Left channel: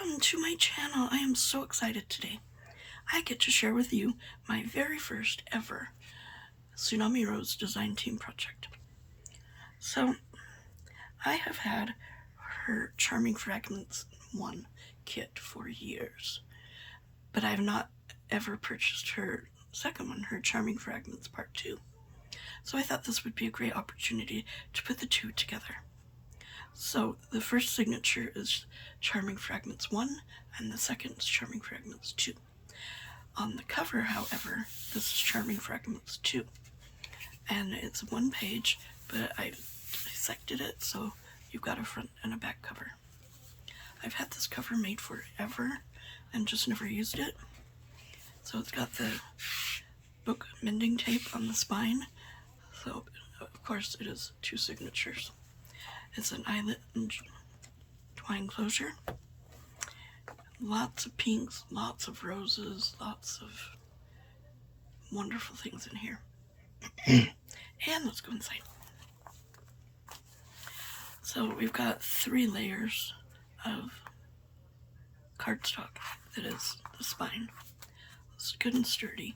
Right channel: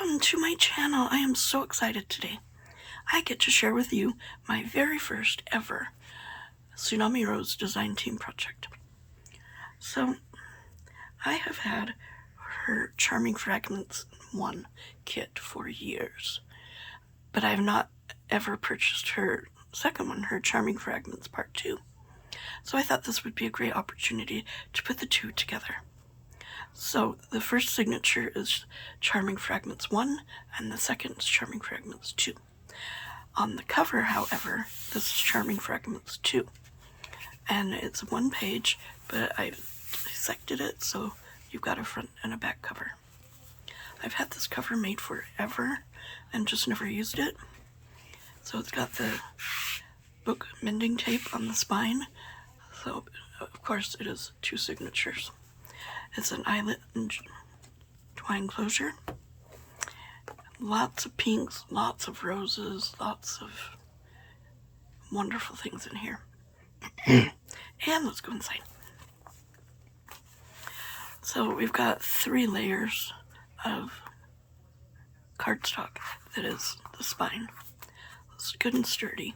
Welcome to my channel. I am so excited today. I get to share with you my very first ever Tsunami Rose design team project. So, I have had her Charming Fragments 1 kit for years, but I have not ever purchased her second one, her Charming Fragments Part 2. So I thought this would be a great opportunity to put the two together. So the first signature is Charming Fragments 1, and the second is Charming Fragments 2. On the cover, however, this is Charming Fragments 2. And it's one page, but I dissected it, so you've got a front and a back cover. I've had this cover made forever and just never used it. So it's got the book mending tape on the spine. So, of course, it is two signatures. It's an eyelet and twine closure. Lots of pinks, lots of roses, lots of wonderful things in here. And let's go inside. So we've got 3 layers of cardstock that is the spine. It's good and sturdy.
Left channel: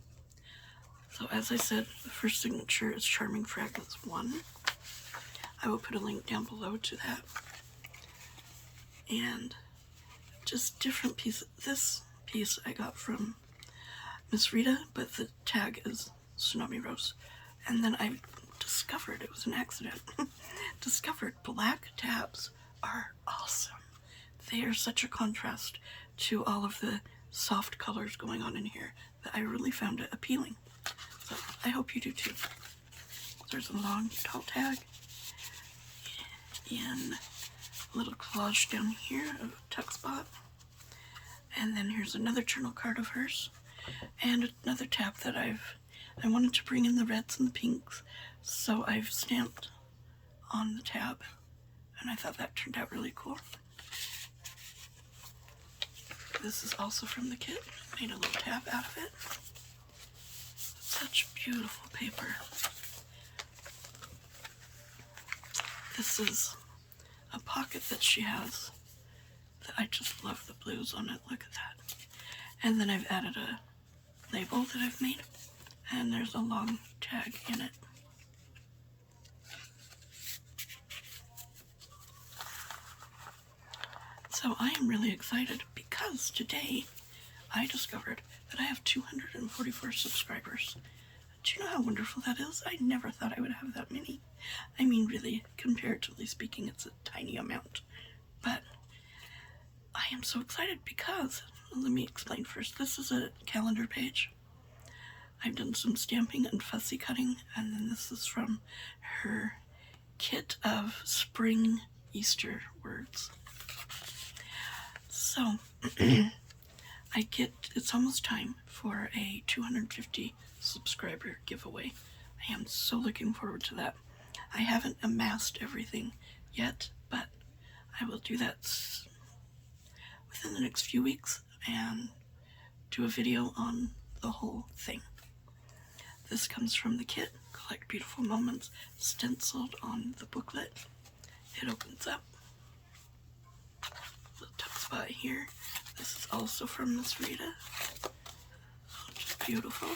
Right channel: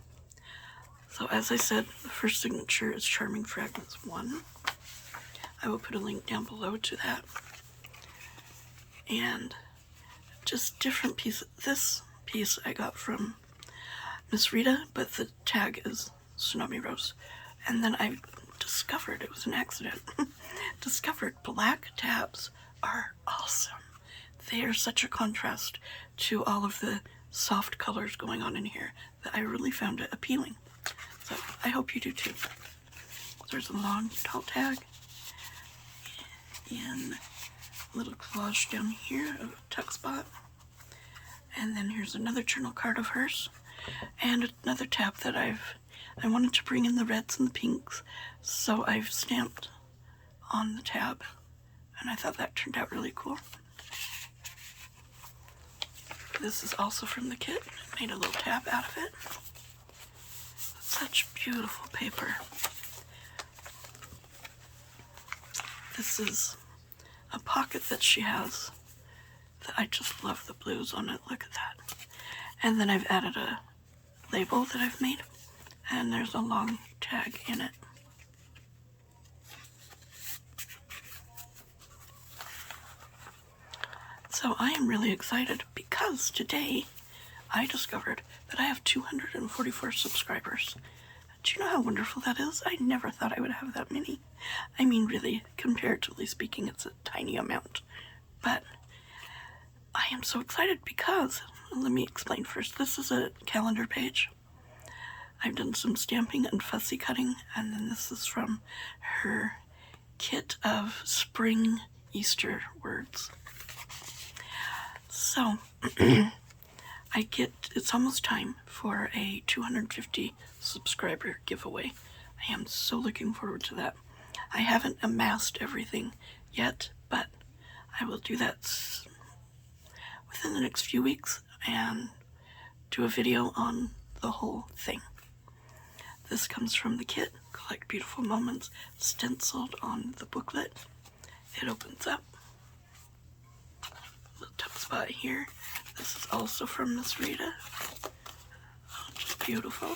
So as I said, the first signature is Charming Fragments 1. I will put a link down below to that. And just different pieces. This piece I got from Miss Rita, but the tag is Tsunami Rose. And then I discovered, it was an accident, discovered black tabs are awesome. They are such a contrast to all of the soft colors going on in here that I really found it appealing. So I hope you do too. There's a long, tall tag and a little collage down here of a tuck spot. And then here's another journal card of hers and another tab that I wanted to bring in the reds and the pinks, so I've stamped on the tab, and I thought that turned out really cool. This is also from the kit. Made a little tab out of it. Such beautiful paper. This is a pocket that she has that I just love the blues on it. Look at that. And then I've added a label that I've made, and there's a long tag in it. So I am really excited because today I discovered that I have 244 subscribers. Do you know how wonderful that is? I never thought I would have that many. I mean, really, comparatively speaking, it's a tiny amount. But I am so excited because, let me explain first. This is a calendar page. I've done some stamping and fussy cutting, and then this is from her kit of spring Easter words. So, it's almost time for a 250 subscriber giveaway. I am so looking forward to that. I haven't amassed everything yet, but I will do that within the next few weeks and do a video on the whole thing. This comes from the kit, Collect Beautiful Moments, stenciled on the booklet. It opens up. The top spot here. This is also from Miss Rita. Just beautiful.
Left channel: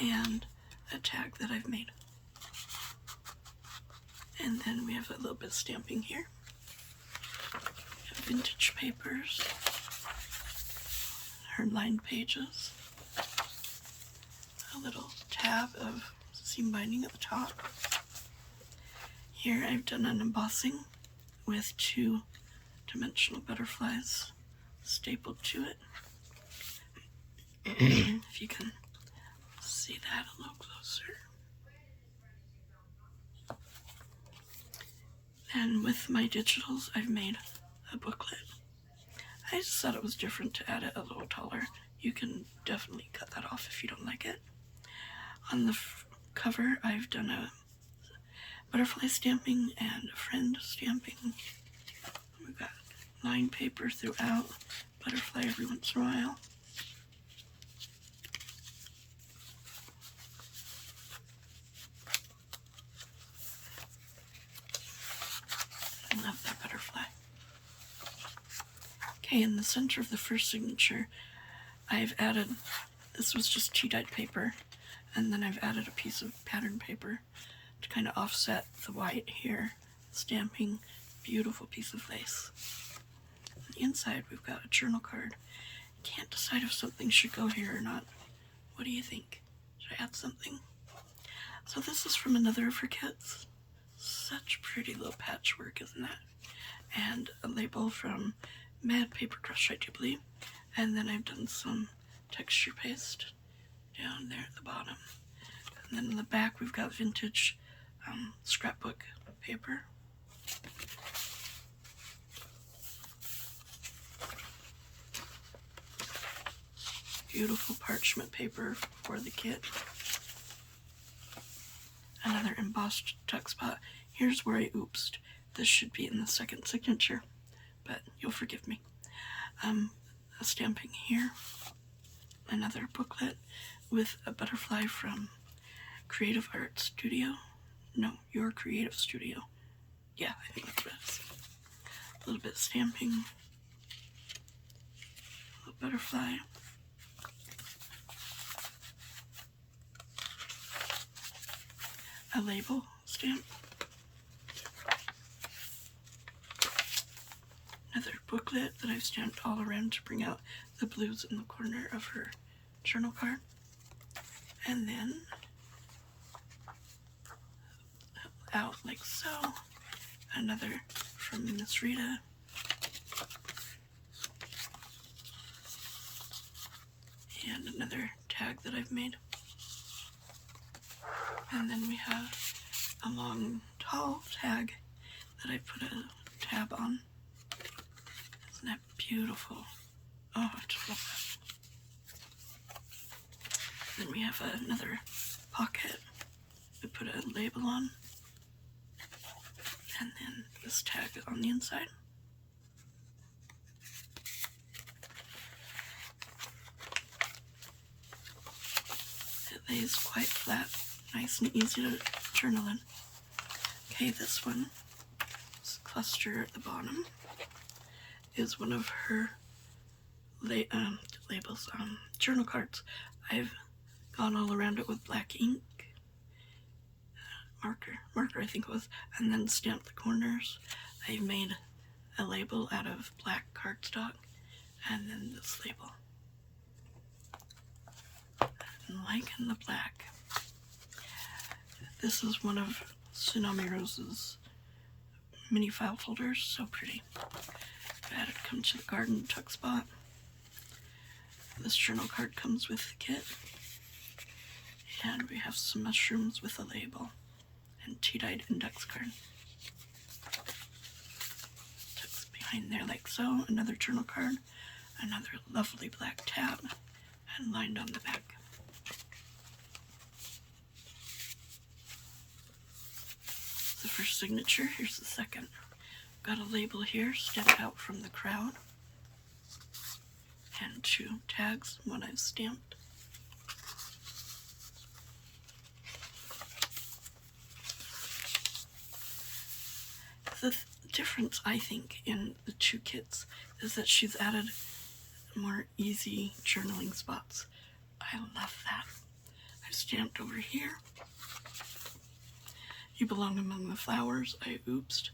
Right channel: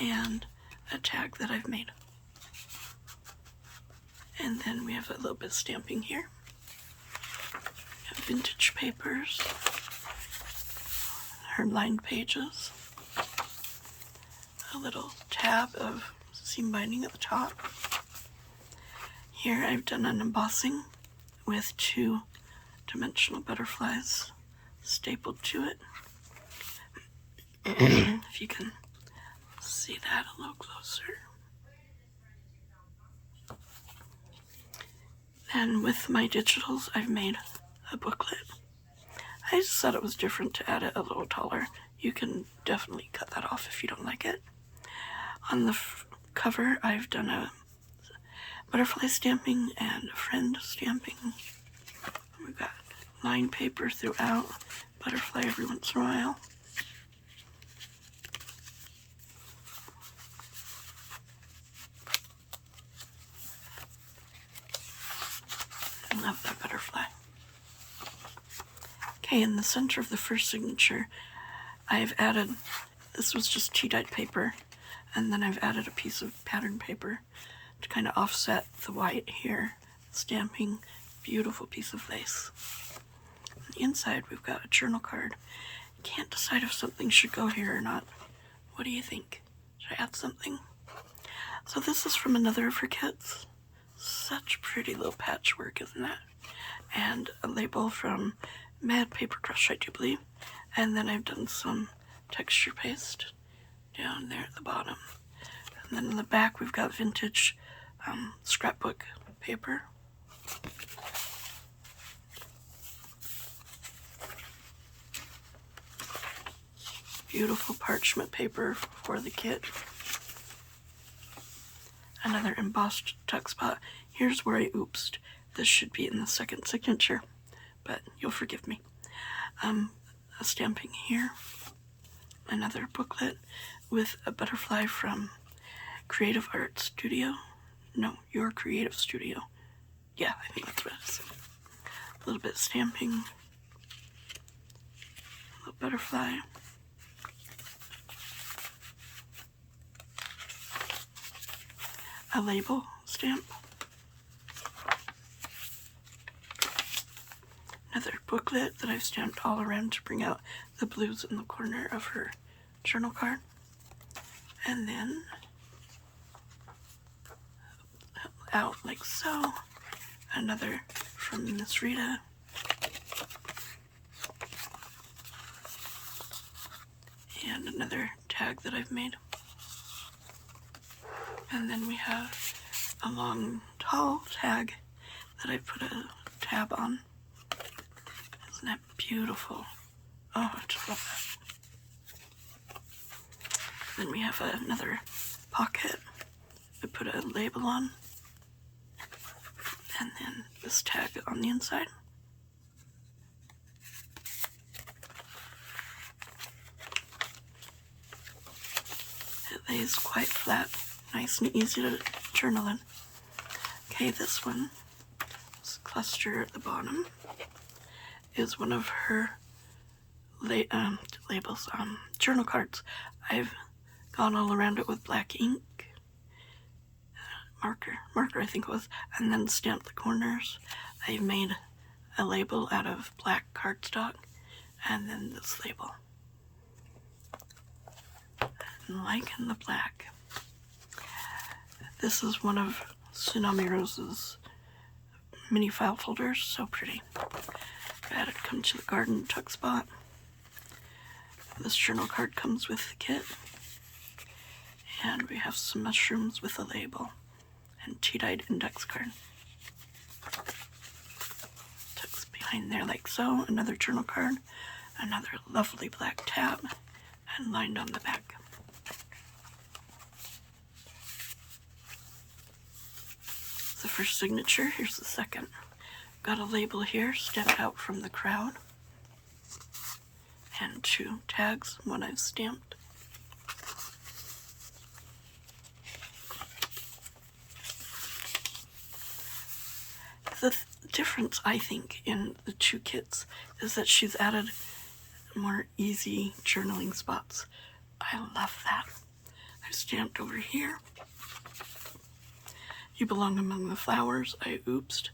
And a tag that I've made. And then we have a little bit of stamping here. Vintage papers. Her lined pages. A little tab of seam binding at the top. Here I've done an embossing with 2 dimensional butterflies stapled to it. If you can see that a little closer. And with my digitals, I've made a booklet. I just thought it was different to add it a little taller. You can definitely cut that off if you don't like it. On the cover, I've done a butterfly stamping and a friend stamping. We've got lined paper throughout, butterfly every once in a while. I love that butterfly. Okay, Okay, in the center of the first signature, I've added, this was just tea-dyed paper, and then I've added a piece of pattern paper to kind of offset the white here, stamping beautiful piece of lace. On the inside, we've got a journal card. Can't decide if something should go here or not. What do you think? Should I add something? So this is from another of her kits. Such pretty little patchwork, isn't it? And a label from Mad Paper Crush, I do believe. And then I've done some texture paste down there at the bottom. And then in the back, we've got vintage scrapbook paper. Beautiful parchment paper for the kit. Another embossed tuck spot. Here's where I oopsed. This should be in the second signature, but you'll forgive me. A stamping here. Another booklet with a butterfly from Creative Art Studio. No, Your Creative Studio. Yeah, I think that's what it is. A little bit of stamping. A little butterfly. A label stamp. Another booklet that I've stamped all around to bring out the blues in the corner of her journal card. And then out like so. Another from Miss Rita. And another tag that I've made. And then we have a long, tall tag that I put a tab on. Isn't that beautiful? Oh, I just love that. Then we have another pocket. We put a label on. And then this tag on the inside. It lays quite flat. Nice and easy to journal in. Okay, this one, this cluster at the bottom, is one of her labels, journal cards. I've gone all around it with black ink, marker I think it was, and then stamped the corners. I've made a label out of black cardstock, and then this label. And liking the black. This is one of Tsunami Rose's mini file folders. So pretty. I had it come to the garden tuck spot. This journal card comes with the kit. And we have some mushrooms with a label and tea-dyed index card. Tucks behind there like so. Another journal card. Another lovely black tab. And lined on the back. The first signature, here's the second. Got a label here, stepped out from the crowd. And two tags, one I've stamped. The difference, I think, in the two kits is that she's added more easy journaling spots. I love that. I stamped over here. You belong among the flowers. I oopsed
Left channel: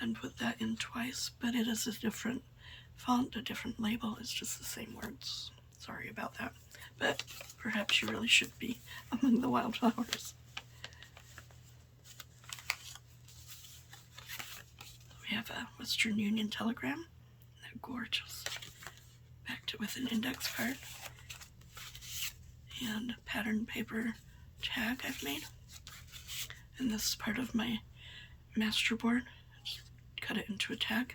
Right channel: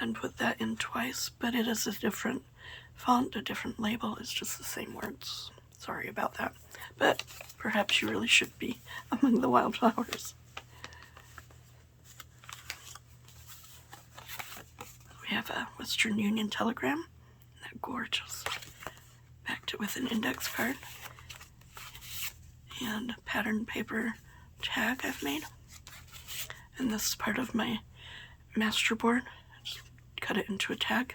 and put that in twice, but it is a different font, a different label. It's just the same words. Sorry about that. But perhaps you really should be among the wildflowers. We have a Western Union telegram. Isn't that gorgeous? Backed it with an index card. And a pattern paper tag I've made. And this is part of my master board. Just cut it into a tag.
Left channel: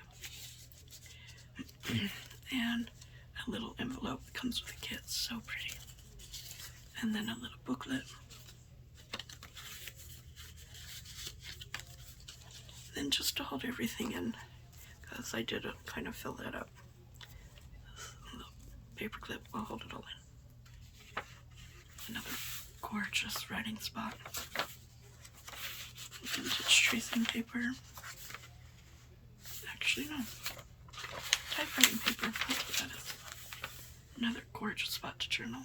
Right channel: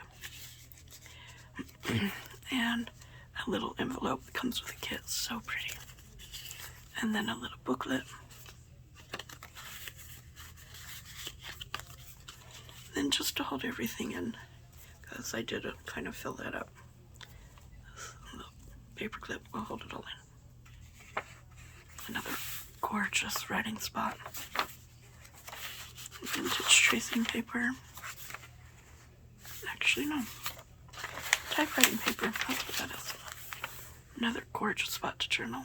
And a little envelope that comes with the kit. So pretty. And then a little booklet. Then just to hold everything in, because I did kind of fill that up. A little paper clip will hold it all in. Another gorgeous writing spot. Vintage tracing paper. Actually, no. Typewriter. writing paper. That's what that is. Another gorgeous spot to journal.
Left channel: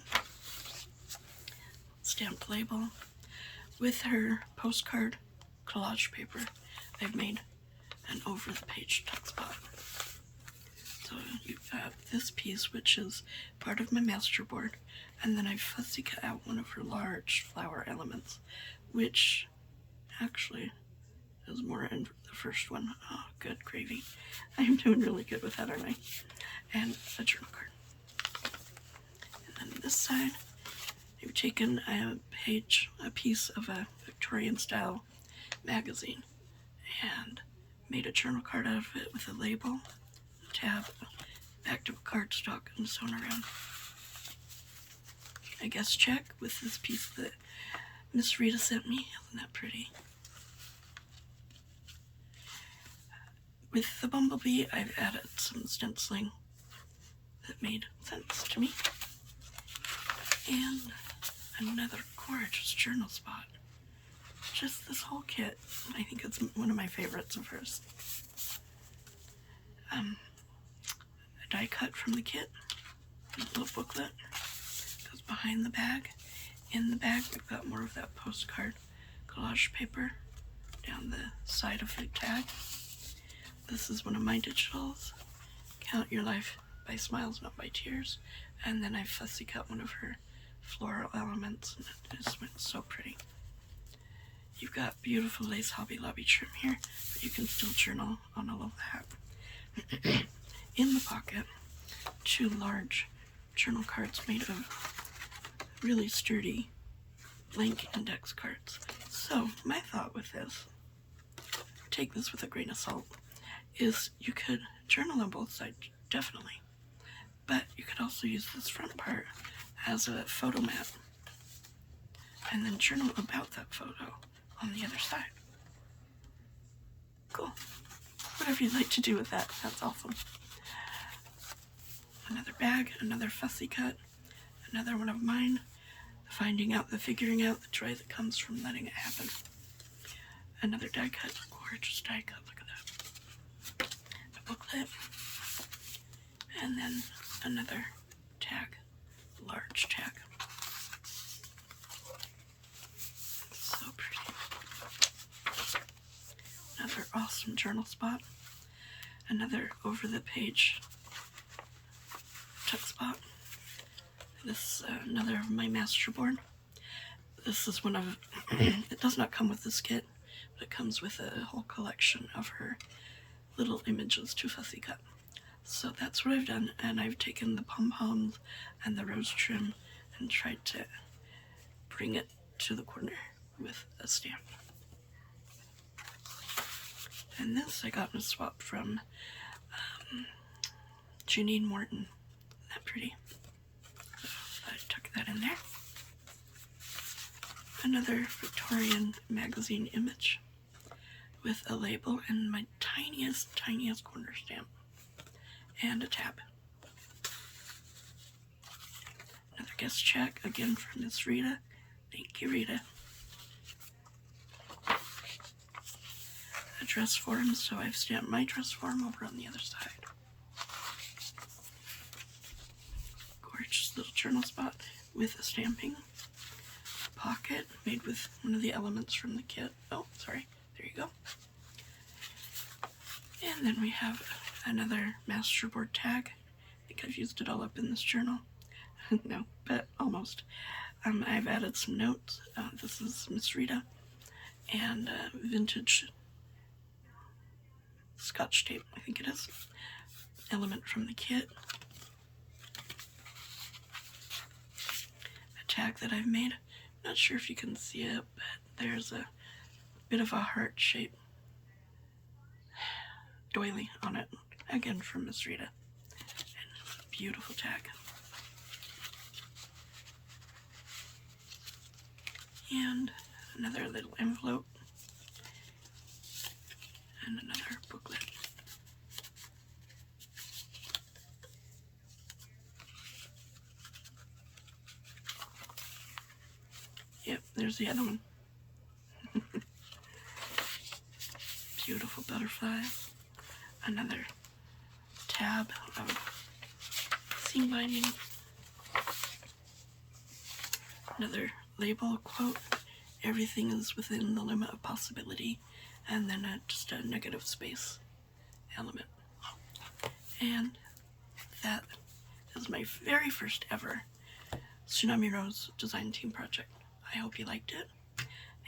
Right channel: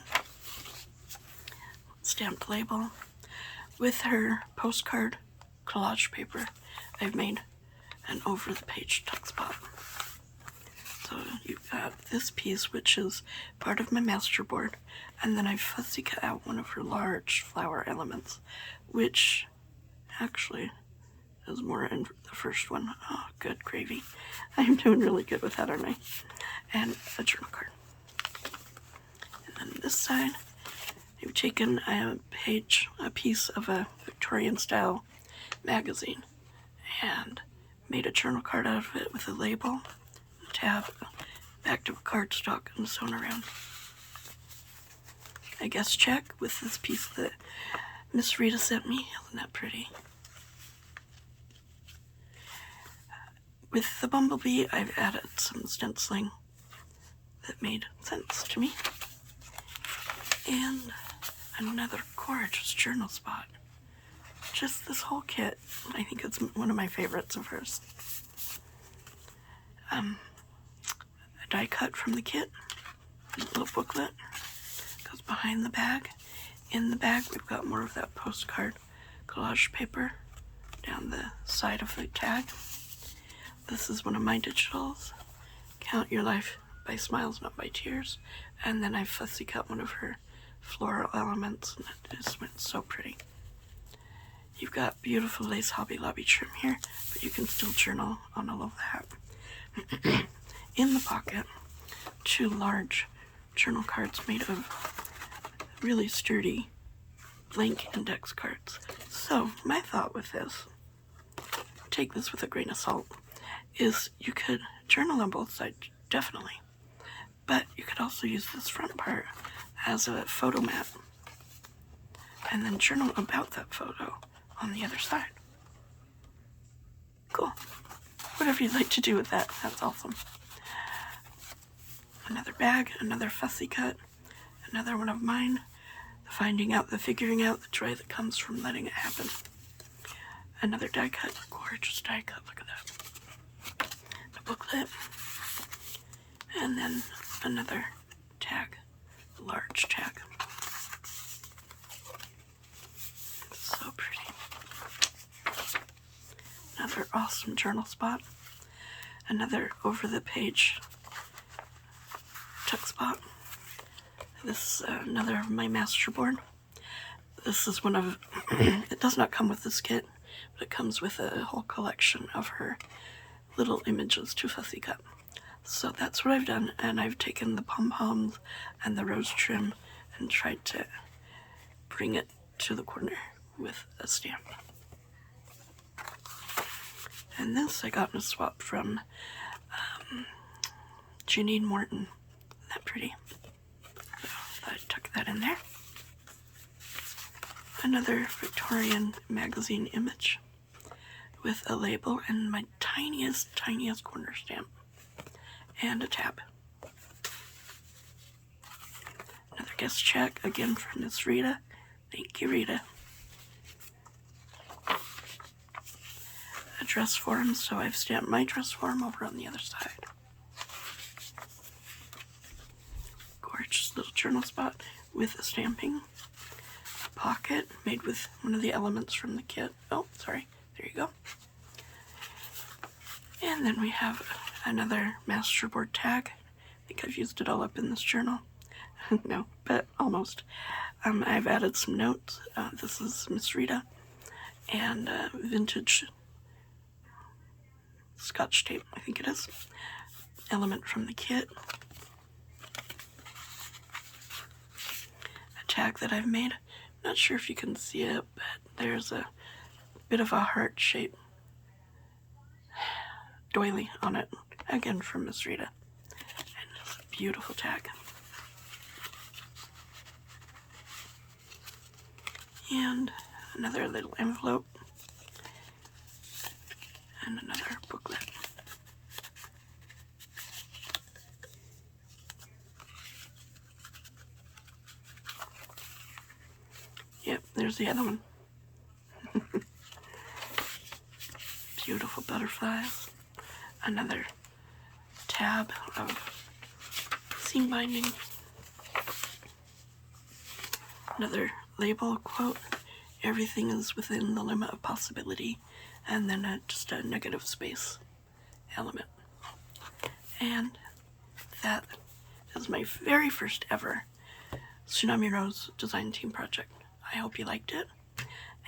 Stamped label. With her postcard collage paper, I've made an over-the-page tuck spot. So you've got this piece, which is part of my master board, and then I fussy cut out one of her large flower elements, which actually is more in the first one. Oh, good gravy. I'm doing really good with that, aren't I? And a journal card. And then this side, I've taken a piece of a Victorian style magazine and made a journal card out of it with a label, a tab, back to a cardstock, and sewn around. I guess check with this piece that Miss Rita sent me. Isn't that pretty? With the bumblebee, I've added some stenciling that made sense to me. And another gorgeous journal spot. Just this whole kit. I think it's one of my favorites of hers. A die cut from the kit. A little booklet. Goes behind the bag. In the bag, we've got more of that postcard collage paper down the side of her tag. This is one of my digitals. Count Your Life by Smiles, Not by Tears. And then I fussy cut one of her floral elements, and it just went so pretty. You've got beautiful lace Hobby Lobby trim here, but you can still journal on all of that. In the pocket, 2 large journal cards made of really sturdy blank index cards. So my thought with this, take this with a grain of salt, is you could journal on both sides, definitely, but you could also use this front part as a photo mat and then journal about that photo on the other side. Cool. Whatever you'd like to do with that, that's awesome. Another bag, another fussy cut, another one of mine. Finding out, the figuring out, the joy that comes from letting it happen. Another die cut, gorgeous die cut, look at that. The booklet. And then another tag, large tag. So pretty. Another awesome journal spot. Another over the page tuck spot. This another of my master board. This is one of, it does not come with this kit, but it comes with a whole collection of her little images to fussy cut. So that's what I've done, and I've taken the pom-poms and the rose trim and tried to bring it to the corner with a stamp. And this I got in a swap from Janine Morton. Isn't that pretty? I tuck that in there. Another Victorian magazine image with a label and my tiniest corner stamp and a tab. Another guest check, again from Miss Rita. Thank you, Rita. A dress form, so I've stamped my dress form over on the other side. Gorgeous little journal spot with a stamping. A pocket made with one of the elements from the kit. Oh, sorry. There you go. And then we have another masterboard tag. I think I've used it all up in this journal. No, but almost. I've added some notes. This is Miss Rita and vintage Scotch tape, I think it is. Element from the kit. A tag that I've made. Not sure if you can see it, but there's a bit of a heart-shaped doily on it. Again from Miss Rita. And it's a beautiful tag. And another little envelope. And another booklet. Yep, there's the other one. Beautiful butterflies. Another tab of seam binding, another label quote, everything is within the limit of possibility, and then just a negative space element. And that is my very first ever Tsunami Rose design team project. I hope you liked it,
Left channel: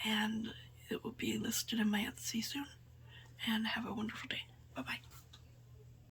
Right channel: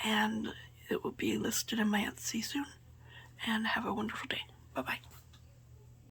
and it will be listed in my Etsy soon. And have a wonderful day. Bye-bye.